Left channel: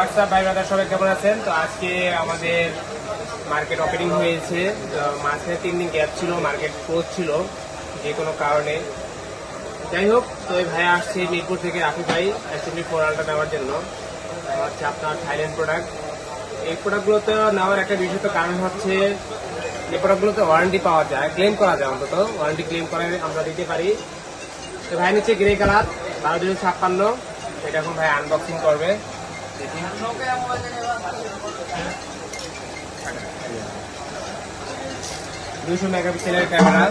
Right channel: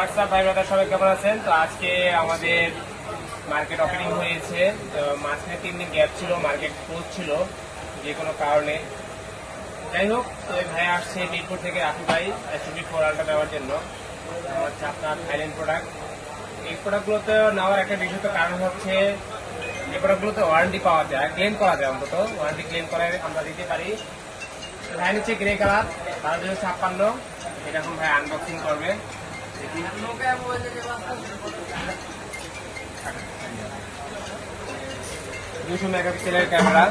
WhatsApp ভাই সবাই কেমন আছেন তো আজকে আমাদের মার্কেট ওপেনিং হয়েছে। তো মাঝখানে তিন দিন গ্যাপ ছিল মার্কেট ক্লোজ ছিল, যে কোনো কারণে। যাই হোক, তো এই ভাই আসছে মিরপুর থেকে রাফি ভাই অ্যাকচুয়ালি ফোরালটা নেওয়ার জন্য। হচ্ছে আপনার থাইল্যান্ড প্রোডাক্ট এই প্রোডাক্টগুলোতে নেওয়ার একটা বিশেষ কারণ হচ্ছে এই প্রোডাক্টগুলোতে ওয়ারেন্টি পাওয়া যায় ক্লেম করা যায় অন্তত। ওয়ারেন্টি ক্লেম করে আমরা দিতে পারি। তো ভাই নিচ্ছে গ্রে কালার বারো দুশো ছাপ্পান্ন। এটা এখন ভাই আনবক্সিং করবে। দুশো মেগাপিক্সেলের camera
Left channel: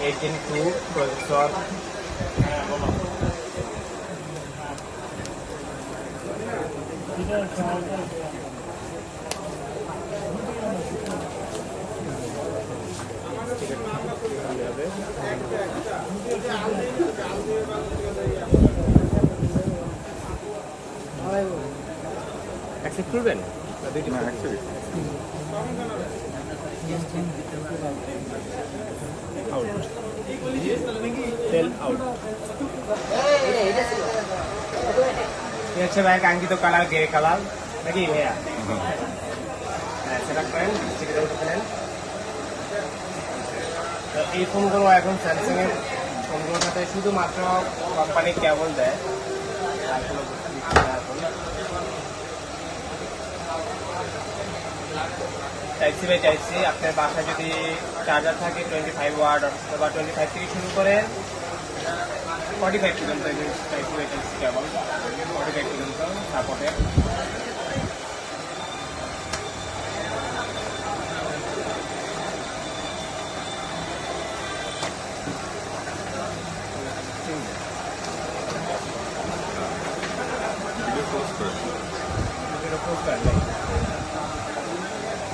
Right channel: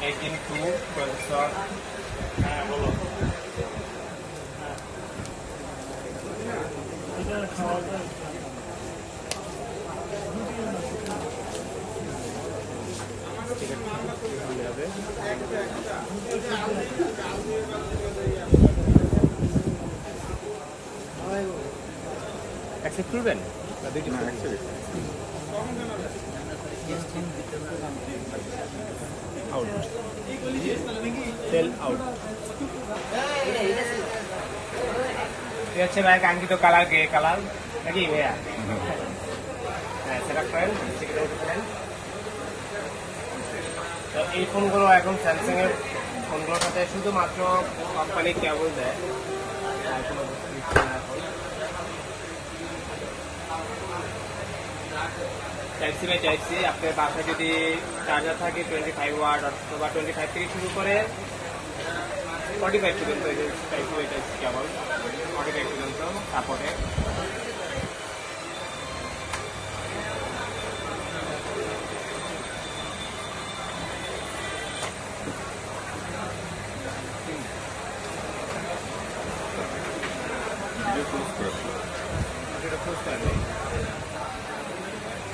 eighteen two processor accept করবেন? আছে ভাই কাঙ্ক্ষিত কালার গে কালার নাকি? ভাইয়া হ্যাঁ সেটা করেন ফেলেন এই ফোনগুলো এখন স্যামসাং এর ফোনগুলোর সাথে শুধুমাত্র কোম্পানি কেবল দেয়। আর কোনো চাইছি ভাই চাইছি আপনার বাসায় যদি চার্জার থাকে টোয়েন্টি ফাইভ ওয়ার্ড অথবা টোয়েন্টি ফাইভ থেকে শুরু করে ফর্টি ফাইভ পর্যন্ত চাইছি ভাই চাইছি কেবল ফর্টি ফাইভ পর্যন্ত সাপোর্টে এটা পোস্ট করেন